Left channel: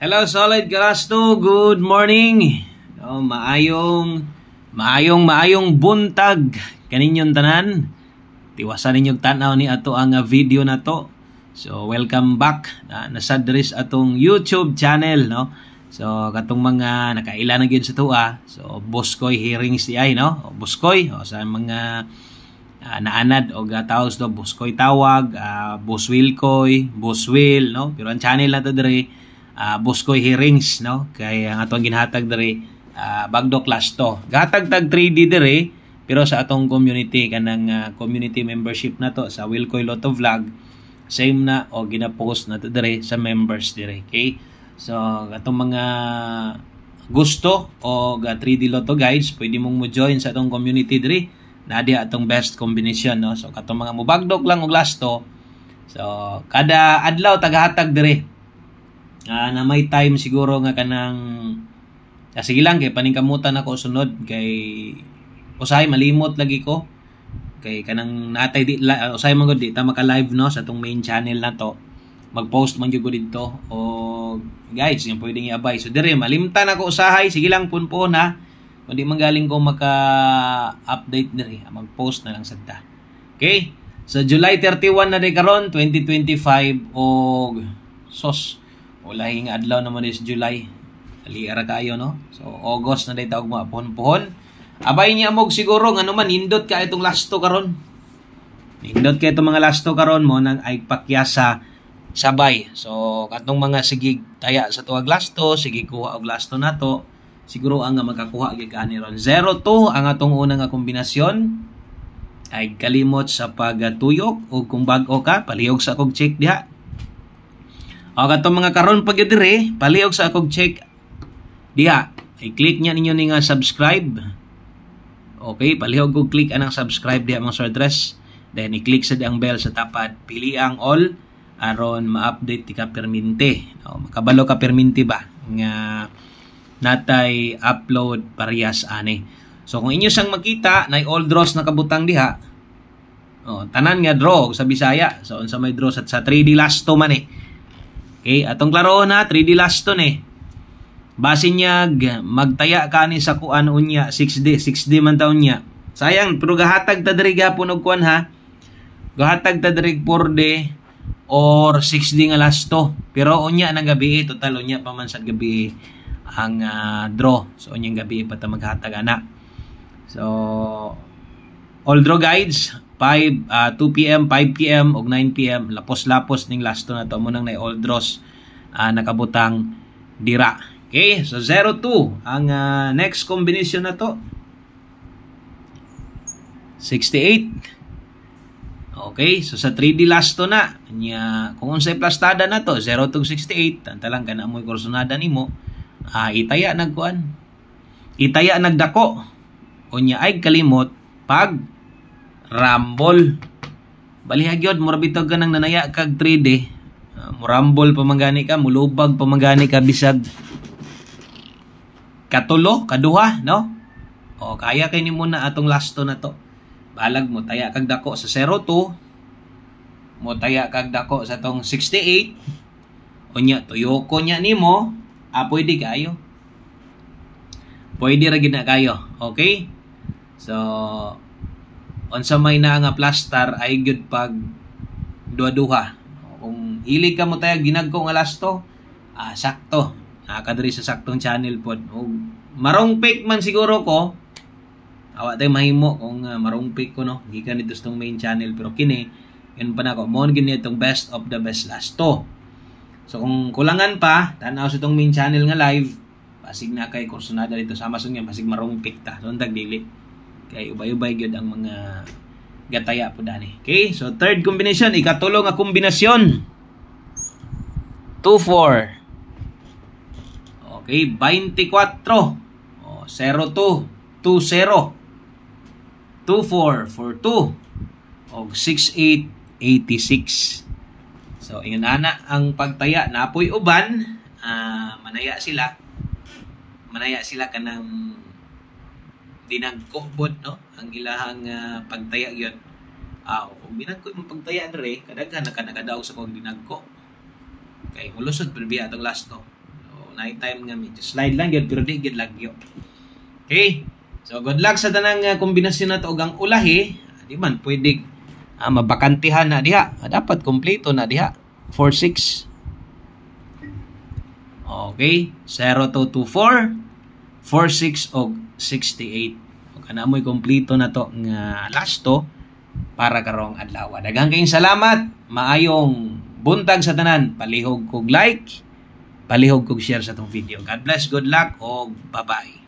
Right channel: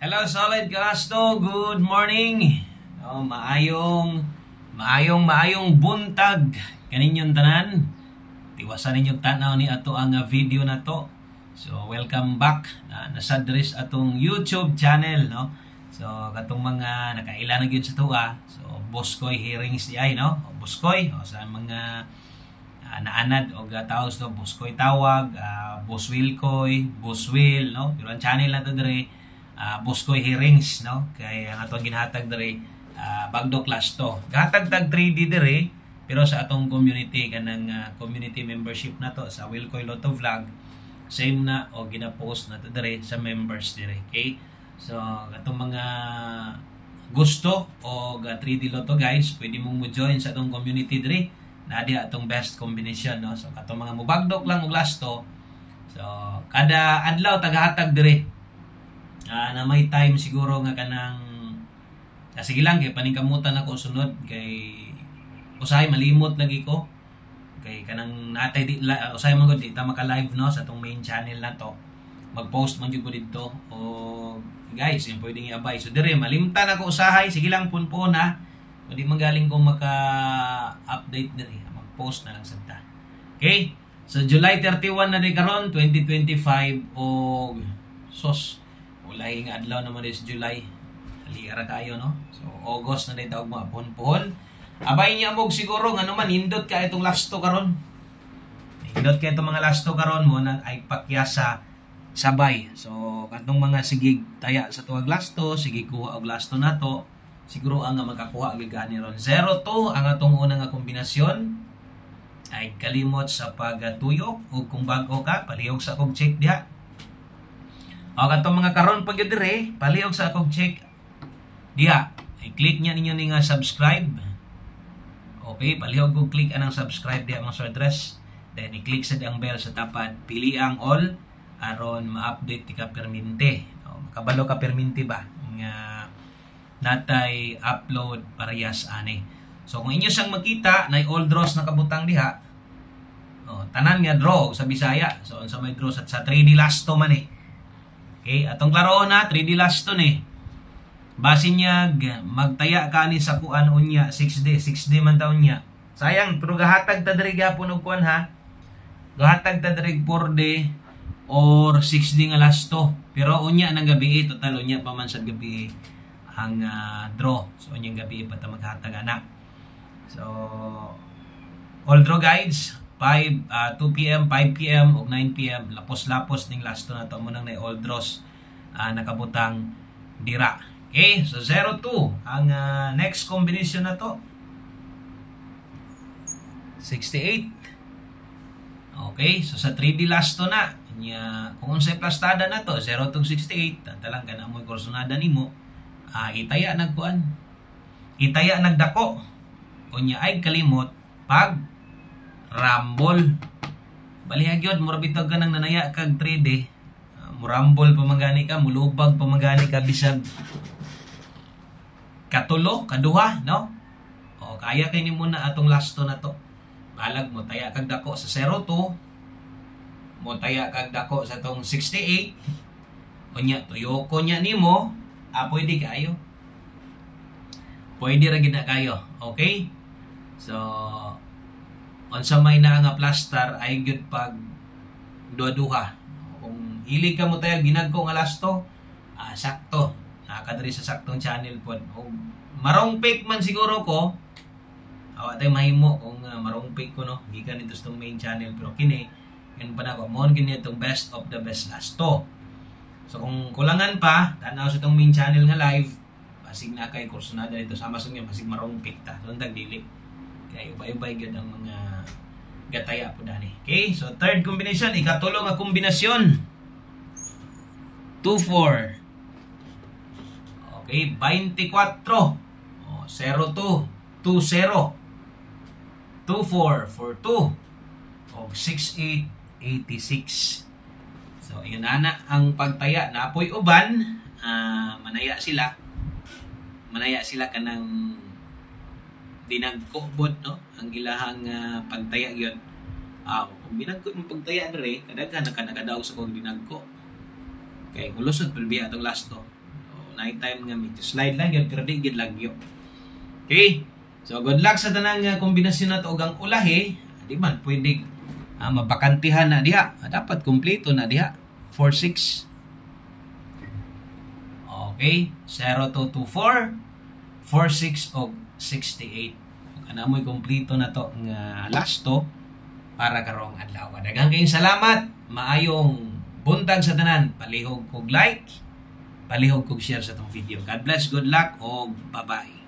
Hello Solid Galasto, good morning. Maayong buntag kaninyong tanan. Tiwasan ninyong tanaw ni ato ang video na to. So welcome back nasa dres atong YouTube channel, no. So katong mga nakaila na gyud sa tuwa. So Boskoy hearings di ay, no. Boskoy sa mga naanad o gataos do Boskoy tawag, Boss Wilkoy, Boss Will, no. Pero ang channel na to dire Boskoy hearings, no, kay ang atong ginhatag diri Bagdo class to. Gatag tag 3D diri pero sa atong community kanang community membership na to sa Wilkoy Lotto Vlog same na o gina-post na to diri sa members diri. Okay? So atong mga gusto o 3D Lotto guides, pwede mong mo join sa atong community diri. Nadi atong best combination, no. So katong mga mubagdok lang og lasto. So kada adlaw tagahatag diri. Na may time siguro nga kanang sige lang kay paningkamutan ako sunod kay usahay malimot lagi ko kay kanang natay di usahay man gud di ta maka live, no, sa tong main channel na to. Mag-post man gyud ko didto o guys yung pwedeng i-abay. So dire malimtan ako usahay, sige lang punpon ha. Kundi manggaling ko maka-update dire, mag-post na lang sadta. Okay? So July 31 na day karon 2025 og sos wala nga adlaw naman is July. Aliara kayo, no? So August na day taog mga puhon-puhon. Abay niya mog siguro nga naman nindot ka itong lasto karon. Nindot ka itong mga lasto karon mo nang ay pakyasa sabay. So katong mga sigig taya sa tuwag lasto, sige kuha og lasto nato. Siguro ang magkakuha gyud ani ron 02 ang atong unang nga kombinasyon. Ay kalimot sa pagatuyok o kung bag-o ka palihog sa akong check diha. O katong mga karon pag dire palihog sa akong check diha. I-click niya ninyo ni nga subscribe. Okay, palihog og click anang subscribe diha mga sir dress. Then i-click sa diang bell sa tapat, pili ang all aron ma-update ti ka perminti. Makabalo ka perminti ba nga natay upload parehas ani. So kung inyo sang makita na all draws na kabutang diha. Tanan nga draw sa Bisaya. So unsa may draw sa 3D lasto man eh. Okay, atong klaroon na 3D lasto ni. Base niya magtaya ka ni sa kuan unya 6D man taon niya. Sayang pero gahatag ta diri gapon og kuan ha. Gahatag ta diri 4D or 6D nga lasto. Pero unya nang gabi total unya pa man sa gabi ang draw. So unyang gabi pa ta maghatag ana. So all draw guides 2 PM, 5 PM ug 9 PM lapos-lapos ning lasto na to mo nang na all draws nakabutang dira. Okay, so 02 ang next combination na to 68. Okay, so sa 3D lasto na nya kung unsay plastada na to 0 to 68 tantalang kana moy kursonada nimo itaya nagkuan itaya nagdako unya ay kalimot pag Rumble. Balihag yun, murabitog ka ng nanaya kag 3D. Murambol pamangani ka, mulubag pamangani ka bisag katulo, kaduha, no? O kaya kay ni muna atong lasto na to. Balag mo taya kag dako sa 02. Mo taya kag dako sa tong 68. Unya tuyoko nya nimo, pwede kayo. Pwede ra gid na kayo. Okay? So unsa may na nga plaster ay good pag duha-duha. Kung hilig ka mo tayo ginagko nga lasto, sakto. Nakadiri sa saktong channel pod. O marong pick man siguro ko. Awa tay mahimo kung marong pick ko, no. Gikan dito sa main channel pero kini kin pa nako mo gini itong best of the best lasto. So kung kulangan pa, tanaw sa itong main channel nga live, pasig na kay kursonada dito sa Amazon nga pasig marong pick ta. So dag dili. Kaya ubay-ubay gyud ang mga gataya po dani. Okay, so third combination, ikatulo nga kombinasyon. 24. Okay, 24. 02, 20. 24, 42. Og 68, 86. So ingon ana ang pagtaya na apoy uban, manaya sila kanang dinagkobot, no, ang ilahang pagtaya gyud. Binagko yung pagtaya dire kadaghan nakadaog sa kog dinagko. Kay ulusod pulbi atong lasto. night time nga medyo slide lang yun pero di gid lagyo. Okay? So good luck sa tanang kombinasyon na to og ang ulahi, di man pwede mabakantihan na diha. Dapat kompleto na diha. 4-6. Okay, 0-2-4, 4-6 og 68. Ug anamoy kompleto na to nga last to para karong adlaw. Daghang kayong salamat. Maayong buntag sa tanan. Palihog kog like, palihog kog share sa tong video. God bless, good luck, og bye-bye.